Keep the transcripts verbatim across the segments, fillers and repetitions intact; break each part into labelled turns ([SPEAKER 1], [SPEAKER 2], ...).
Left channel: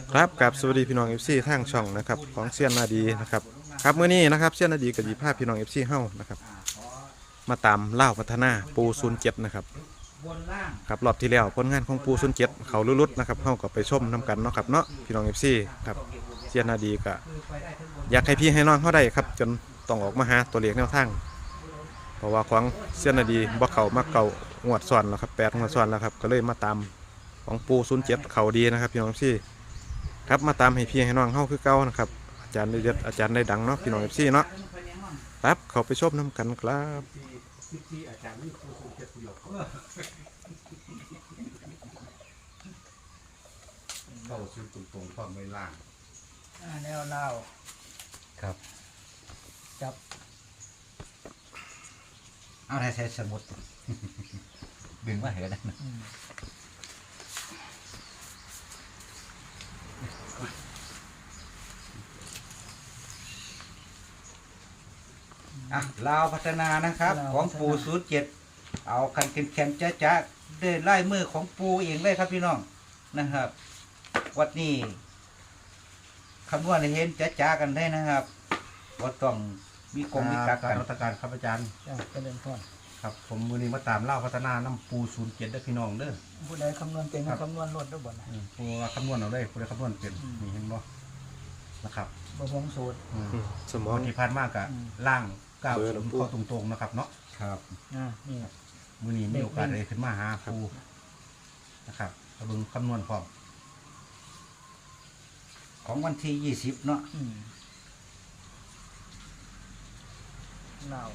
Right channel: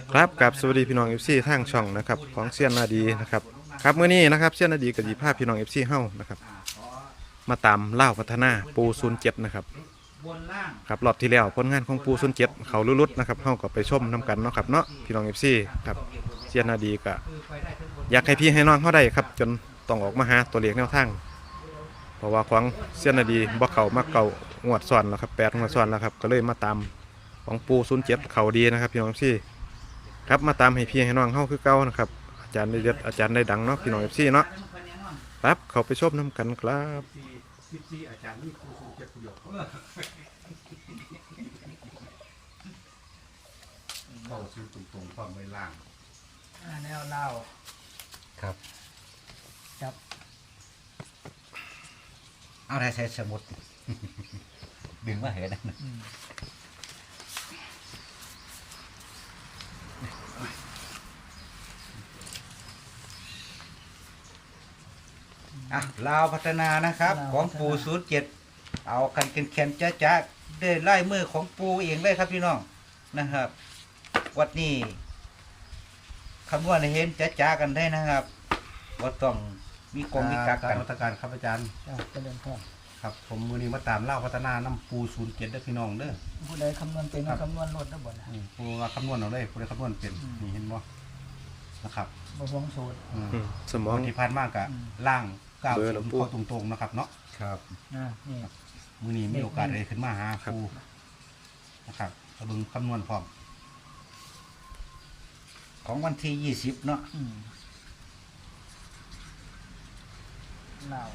[SPEAKER 1] ครับกับสวัสดีพี่น้องเอฟซีทางช่องนะครับของเซียนนาดีนะครับครับเมื่อนี้นะครับเซียนนาดีกับจีภาพพี่น้องเอฟซีเฮ้านะครับมาตามเล่าพัฒนาปูศูนย์เจ็ดนะครับครับรอบที่แล้วผลงานของปูศูนย์เจ็ดเขาลุดๆนะครับเฮ้าก็ไปชมน้ากันเนาะครับเนาะพี่น้องเอฟซีครับเซียนนาดีก็อยากให้พี่ให้น้องเขาได้ครับจนต้องออกมาหาตัวเลขแนวทางเพราะว่าของเซียนนาดีบ่เขามาเก่างวดซ้อนแล้วครับแปดงวดซ้อนแล้วครับก็เลยมาตามของปูศูนย์เจ็ดเขาดีนะครับพี่น้องเอฟซีครับมาตามให้พี่ให้น้องเข้าคือเก่านะครับอาจารย์ได้เด็ดอาจารย์ได้ดังเนาะพี่น้องเอฟซีเนาะครับเขาไปชมน้ำกันครับ
[SPEAKER 2] เข้าซื้อตรงๆความไม่ล่าง
[SPEAKER 3] แนวเล่า
[SPEAKER 2] ครับ
[SPEAKER 3] จับ
[SPEAKER 2] เอาได้ใช้สมุดดึงมาเห็นนะอ่ะลาวพัฒนานะครับของปูศูนย์เจ็ดเอากันแข็งๆจ้าๆเดินไล่มือของปูเองได้ครับพี่น้องนะครับวัดนี้คำนวณให้เห็นจ้าๆกันได้นะครับว่าต้องมีกองมีกักกันรัฐการครับอาจารย์
[SPEAKER 3] จะเรียนก่อน
[SPEAKER 2] ครับผมมือนี้มาตามเล่าพัฒนาน้ำปูศูนย์เจ็ดได้พี่น้องเด้อ
[SPEAKER 3] ผู้ใดคำนวณเก่งคำนวณลดได้บ่นะ
[SPEAKER 2] ผู้คำนวณเอาเลยผู้ใดคำนวณเป็นนี่เห็นบ่นะครับ
[SPEAKER 3] บ่ห่วงสูตร
[SPEAKER 1] สมอง
[SPEAKER 2] ที่พันมากอะล่างก้าวเข้าตรงๆนะครับเนาะครับ
[SPEAKER 3] นี่
[SPEAKER 2] มือนี้มีโอกาสเลยขึ้นมาหาปูนะครับเอาดูคำนวณพร้อมของวันที่ยี่สิบเนาะ
[SPEAKER 3] เล่า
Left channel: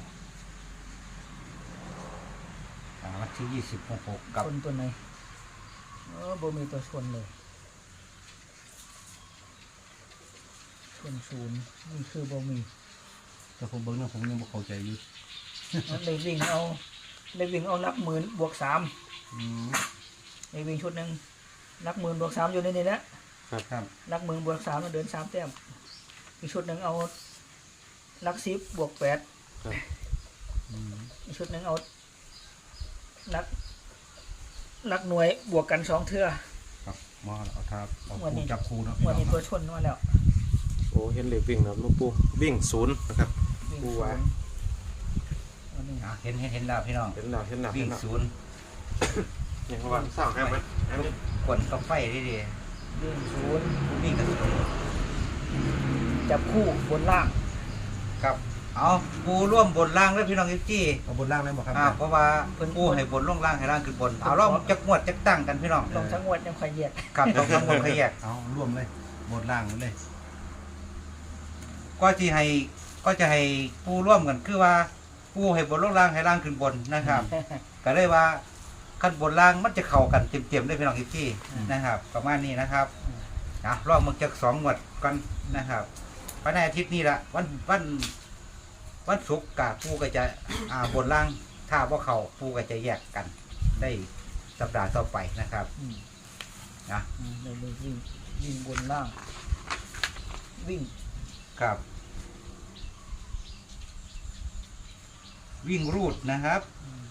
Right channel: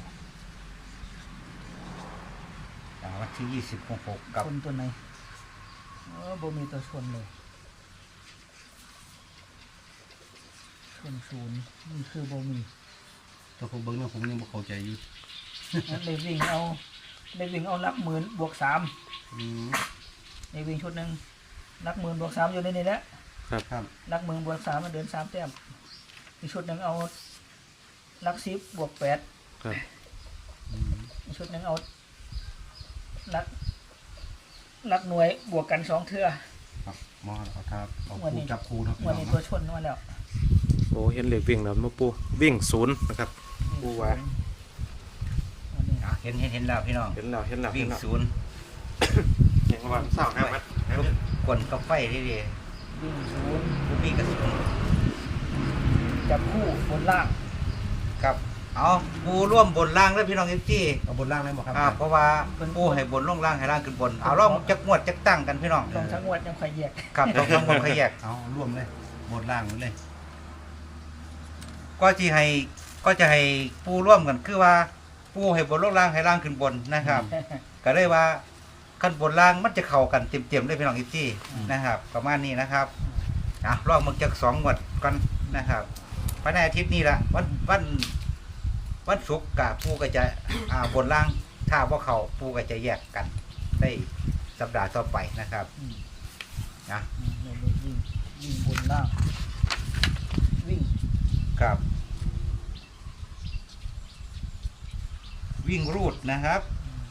[SPEAKER 2] วันที่ยี่สิบหกกับ
[SPEAKER 3] คนตัวไหนเออบ่มีตัวชนเลยชนศูนย์นี่คือบ่มี
[SPEAKER 2] แต่ผมเบิ้งนะผมยังบ่เข้าใจอยู่
[SPEAKER 3] เลยวิ่งเอาเลยวิ่งเอาลักหมื่นบวกสามเลยวิ่งชุดหนึ่งลักหมื่นบวกสามอยู่ในนี้แหละ
[SPEAKER 2] ครับ
[SPEAKER 3] ลักหมื่นบวกสามมันเดินสามแต้มอีกชุดหนึ่งเอาลักสิบบวกแปดอีกชุดหนึ่งเอาลักลักหน่วยบวกกันสองเทื่อ
[SPEAKER 2] ครับมาเอาทับเอาคู่จับคู่นะ
[SPEAKER 3] วันนี้ตัวชนมาแล้ว
[SPEAKER 1] โอ้เห็นเหล็กวิ่งแล้วมาปูวิ่งศูนย์นะครับปูว่า
[SPEAKER 2] เห็นเห็นเห็นแล้วพี่น้อง
[SPEAKER 1] เห็นแล้วเห็นแล้ว
[SPEAKER 2] วิ่งศูนย์
[SPEAKER 1] อย่างวันเสาร์นะ
[SPEAKER 2] กดกับไฟดีดี
[SPEAKER 3] วิ่งศูนย์
[SPEAKER 2] วิ่งกับศูนย์
[SPEAKER 3] จับคู่บนล่าง
[SPEAKER 2] ครับเอาปูร่วมบนล่างแล้วพี่น้องเอฟซีเอาบนล่างเลยบอกครับเพราะว่าปูให้บนล่องล่างให้ล่างขึ้นบนเอาล่องจักงวดจักตั้งกันพี่น้อง
[SPEAKER 3] ลองทั้งงวดยังใครแยก
[SPEAKER 2] ครับลองทั้งงวดใครแยกเอาร่วมเลยบนล่างเลยก็จะให้ก็จะให้ปูร่วมกันคือว่าปูให้บนล่องล่างให้ล่างขึ้นบนนะครับก็เลยว่าขั้นบนล่างมันจะเข้ากันเต็มๆเลยพี่น้องเอฟซีนะครับประมาณนี้นะครับอ่ะลองมึงจากสองงวดกันนะครับภายในอาทิตย์นี้ละวันวันวันศุกร์กับปูก็จะอ่าบนล่างถ้าว่าเขาปูก็จะแยกกันได้สัปดาห์ต่อไปนะครับนะ
[SPEAKER 3] วิ่งวิ่งบนล่างวิ่ง
[SPEAKER 2] ครับวิ่งรูดนะครับ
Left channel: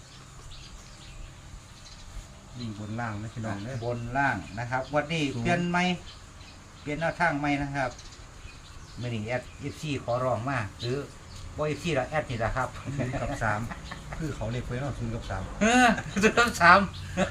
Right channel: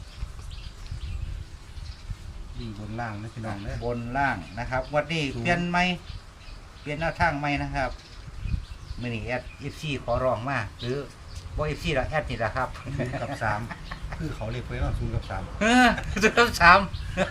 [SPEAKER 2] วิ่งบนล่างนะพี่น้องเลยบนล่างนะครับวันนี้เปลี่ยนไหมเปลี่ยนแนวทางไหมนะครับมื่อนี้แอดเอฟซีขอร้องมาหรือว่าเอฟซีเราแอดนี่แหละครับศูนย์กับสามคือเขาเรียกไว้ว่าศูนย์กับสามศูนย์กับสาม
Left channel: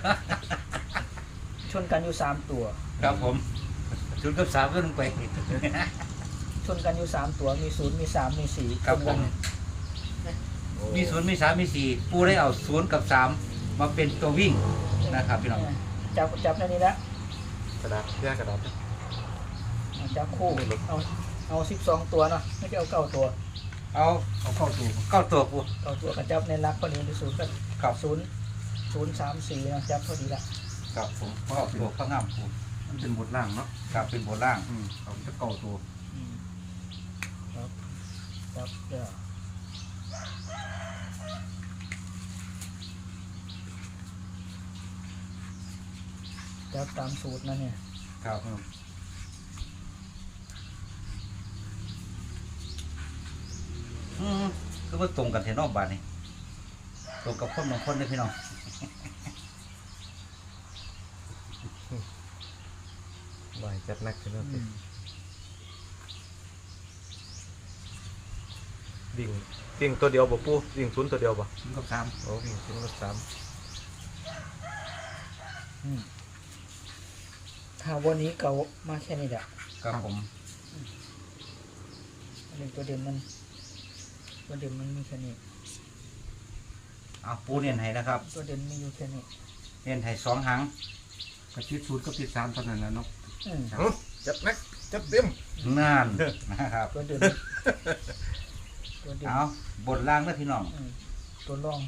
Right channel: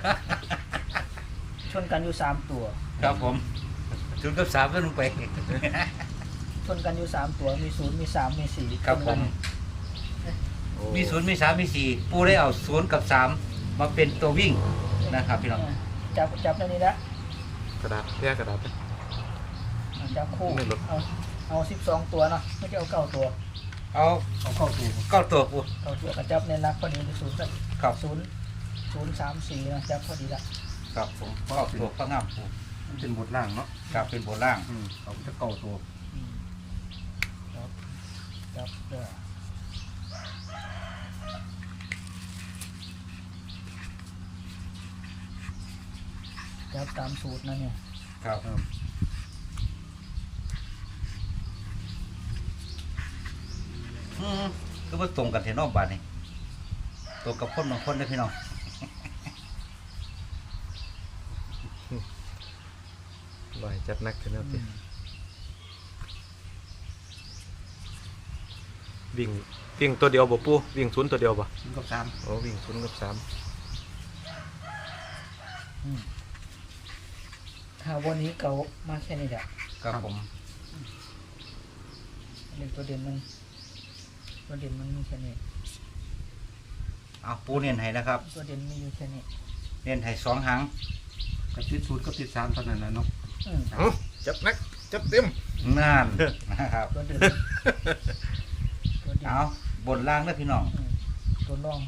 [SPEAKER 3] ชนกันอยู่สามตัว
[SPEAKER 2] ครับผมศูนย์กับสามก็ลงไป
[SPEAKER 3] ชนกันอยู่สามตัวมีศูนย์มีสามมีสี่
[SPEAKER 2] ครับผมมีศูนย์มีสามมีสี่ปูได้เอาศูนย์กับสามมาเป็นตัววิ่งนะครับพี่น้อง
[SPEAKER 3] จับจับในนี้ละ
[SPEAKER 1] กระดาษแยกกระดาษ
[SPEAKER 3] จับคู่เอาเอาสิบสองตัวเนาะไม่ใช่เอาเก้าตัว
[SPEAKER 2] เอาเอาเก้าตัวเก้าตัวปู
[SPEAKER 3] เก้าตัวกระจับในรักพอดีเป็นศูนย์กับศูนย์ศูนย์สามสี่นะจับพอดีละ
[SPEAKER 2] ครับผมเก้าตัวข้างหน้าปูมันเป็นบทล่างเนาะครับเป็นบทล่างอืมเอาจะเก้าตัว
[SPEAKER 3] ครับจับเด้อจับตามสูตรนะเนี่ย
[SPEAKER 2] ครับอืมก็มาตรงกันเทนอกบาทนี่ตรงกับคนบางคนเลยพี่น้อง
[SPEAKER 1] รล่อยจัดนักขึ้นแล้ว
[SPEAKER 3] อื
[SPEAKER 1] สิ
[SPEAKER 3] ม
[SPEAKER 1] วิ่งวิ่งตัวเดียวบ่ปูวิ่งศูนย์ตัวเดียวบ่
[SPEAKER 2] ศูนย์กับสาม
[SPEAKER 1] โอ้วิ่งศูนย์กับสาม
[SPEAKER 3] อืมถ้าวันนี้เก่ามาแค่นี้แหละ
[SPEAKER 2] ครับผม
[SPEAKER 3] อันนี้ตัวเด่นมันตัวเด่นมันมีแค่นี้
[SPEAKER 2] เอาปูเนียนให้นะครับ
[SPEAKER 3] ตัวเด่นมีอยู่แค่นี้
[SPEAKER 2] เนียนให้สองหาง
[SPEAKER 4] กับติดศูนย์กับติดสามเท่านั้นละเนาะ
[SPEAKER 3] อืม
[SPEAKER 1] เอ้าจัดนักจัดเต็ม
[SPEAKER 2] นั่นนะครับ
[SPEAKER 3] ตัวเด่นตัวเด่น
[SPEAKER 2] เอาบนล่างนะพี่น้อง
[SPEAKER 3] อืมตัวรอง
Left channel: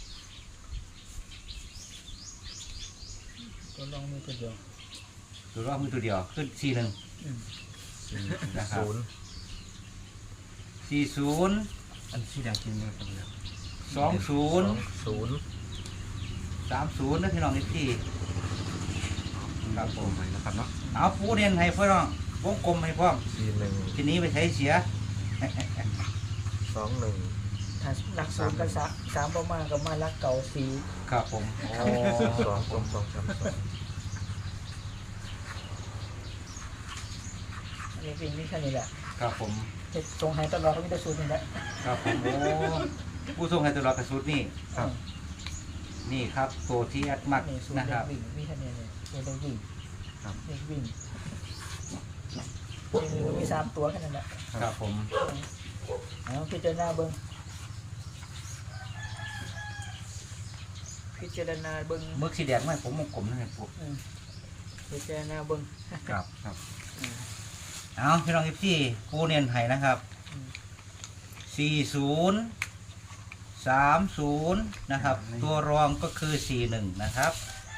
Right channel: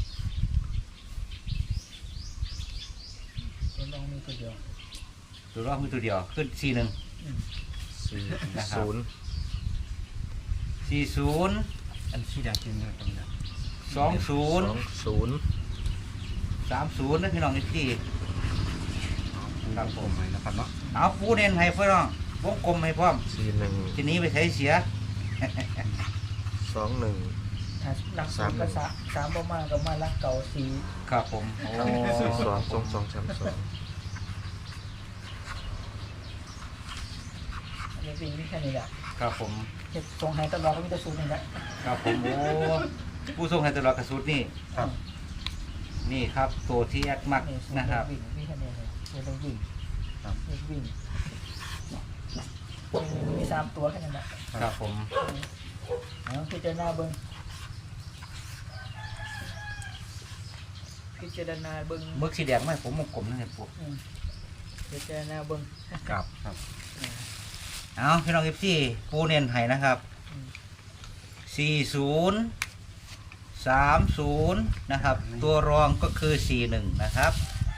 [SPEAKER 3] ตัวรองมีตัวเดียว
[SPEAKER 2] ดูรอบมือตัวเดียวขึ้นสี่หนึ่ง
[SPEAKER 3] อืม
[SPEAKER 1] สี่
[SPEAKER 2] นะครับ
[SPEAKER 1] ศูนย์
[SPEAKER 2] สี่ศูนย์
[SPEAKER 4] อันที่อยากกินเนี่ยตรงเนี้ย
[SPEAKER 2] สองศูนย์
[SPEAKER 1] ศูนย์
[SPEAKER 2] สามศูนย์นะพี่น้องนิตี้
[SPEAKER 4] ครับผมไปนะครับเนาะ
[SPEAKER 2] เอาปูเนียนให้พี่น้องวงกลมให้พร้อม
[SPEAKER 1] สี่หนึ่ง
[SPEAKER 2] ทีนี้ไปใช้เสีย
[SPEAKER 1] สองหนึ่ง
[SPEAKER 3] ถ้าหลักสูตรก็สามสามประมาณก็มาลักเก่าสี่
[SPEAKER 2] ครับผม
[SPEAKER 1] โอ้สองสองสองสองสามสอง
[SPEAKER 3] อันนี้วิ่งมีแค่นี้แหละ
[SPEAKER 2] ครับผม
[SPEAKER 3] จะตรงไหนตลอดก็มีแต่สูตรนี่แหละ
[SPEAKER 2] ครับผมโอ้ผู้ทรงให้ตลอดกระสุดนี่
[SPEAKER 4] ครับ
[SPEAKER 2] นี่ครับตัวที่แอดมัก
[SPEAKER 3] นี่สูตร
[SPEAKER 2] นะครับ
[SPEAKER 3] วิ่งมีแค่นี้เลยสูตรวิ่ง
[SPEAKER 4] ครับ
[SPEAKER 3] เลขวิ่งมีมีสามตัวแค่นั้นแหละ
[SPEAKER 2] ครับผม
[SPEAKER 3] เอาพิจารณาเบิ้งพิจารณาเบิ้ง
[SPEAKER 2] มึกสีแดงไหมผมวงกลมให้ปู
[SPEAKER 3] อืมพิจารณาเบิ้ง
[SPEAKER 2] ครับ
[SPEAKER 4] ครับ
[SPEAKER 3] อืม
[SPEAKER 2] เอาพี่น้องเอฟซีปูเนียนให้นะครับ
[SPEAKER 3] อืม
[SPEAKER 2] สี่ศูนย์สามศูนย์นะครับ ตัวรองก็คือสี่หนึ่งนะครับ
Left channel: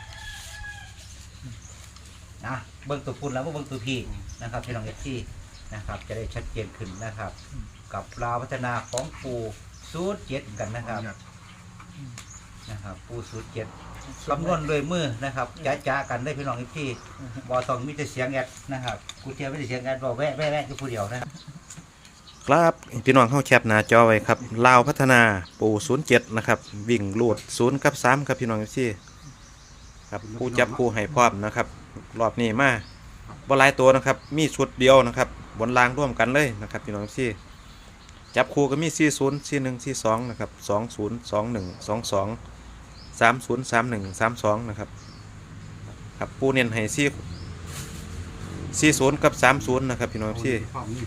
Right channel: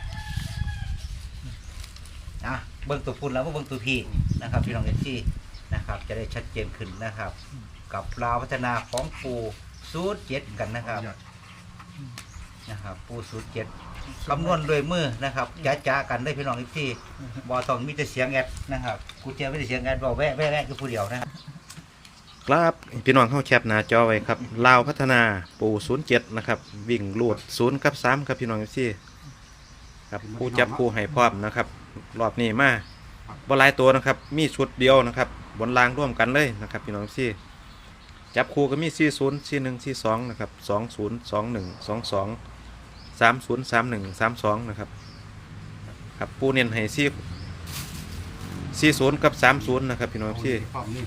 [SPEAKER 2] นะเบิ้งตัวพุ่นแล้วก็เบิ้งตัวพี่นะครับพี่น้องเอฟซีนะครับ จะได้ชัดเจนขึ้นนะครับ กับลาวพัฒนาของปูสูตรเจ็ดกันนะครับนะครับปูสูตรเจ็ดคำนวณโดยมือนะครับจ้าจ้ากันได้พี่น้องเอฟซีบอต้องมีแต่เสียงแอดนะครับกูเจอไม่ได้เสียงแอดบอกแวะแวะแวะคือผู้เดียวนะครับ
[SPEAKER 1] ครับพี่น้องเข้าแคปหน้าจอไว้ครับลาวพัฒนาปูศูนย์เจ็ดนะครับวิ่งลูดศูนย์กับสามครับพี่น้องที่ครับผู้จับผู้ให้พร้อมนะครับรอบนี้มาบอลายตัวนะครับมีชุดเดียวนะครับบนรางร่วมกันเลยนะครับพี่น้องที่จับคู่ก็มีสี่ศูนย์สี่หนึ่งสี่สองนะครับสองศูนย์สองหนึ่งสองสองสามศูนย์สามหนึ่งสามสองนะครับครับปูเน้นให้สี่สี่ศูนย์กับสามศูนย์นะครับพี่น้องที่
[SPEAKER 4] ความนี่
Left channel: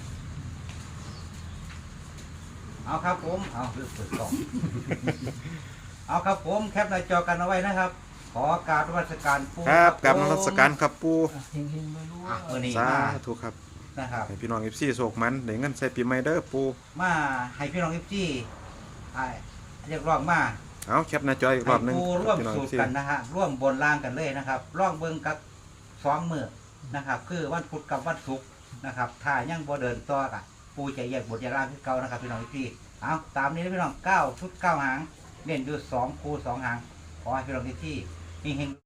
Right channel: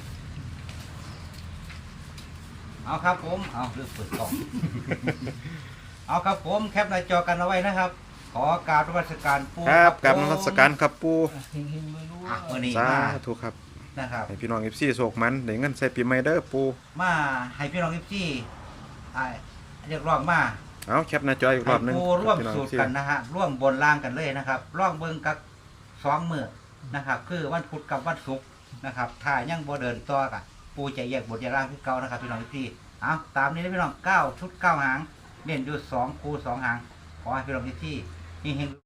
[SPEAKER 2] เอาครับผม เอาเลือกเปิดกล่อง เอาครับผมแคปหน้าจอกันเอาไว้นะครับ ขอกราบนมัสการปู
[SPEAKER 1] ครับกับน
[SPEAKER 2] ผม
[SPEAKER 1] มัสการครับปู
[SPEAKER 3] อ่ะเฮงๆรวย
[SPEAKER 2] อ่ะ
[SPEAKER 3] ๆ
[SPEAKER 2] มื้อนี้
[SPEAKER 1] สา
[SPEAKER 2] มา
[SPEAKER 1] ธุครับ
[SPEAKER 2] นะครับ
[SPEAKER 1] ให้พี่น้องเอฟซีโศกมันได้เงินใส่ปีใหม่เด้อปู
[SPEAKER 2] มาให้พี่น้องเอฟซีไอ้เรียกร้องมา
[SPEAKER 1] เอาแคปหน้าจออีกรอบหนึง
[SPEAKER 2] ให้ปูร่วม
[SPEAKER 1] พี่น้อง
[SPEAKER 2] สู
[SPEAKER 1] เอ
[SPEAKER 2] ต
[SPEAKER 1] ฟ
[SPEAKER 2] ร
[SPEAKER 1] ซี
[SPEAKER 2] กันนะฮะ ร่วมบนล่างกันเลยนะครับ ร่องเบิ้งกับสองมือนะครับ คือวันพุธกับวันศุกร์นะครับ ถ้ายังบ่เดินต่อกันปูจะแยกบทยาลาพี่เก่านะครับพี่น้องเอฟซีเอาตามนี้นะพี่น้องเก้าชุดเก้าหางเน้นอยู่สองคูสองหางขอให้พี่น้องเอฟซีเฮงๆ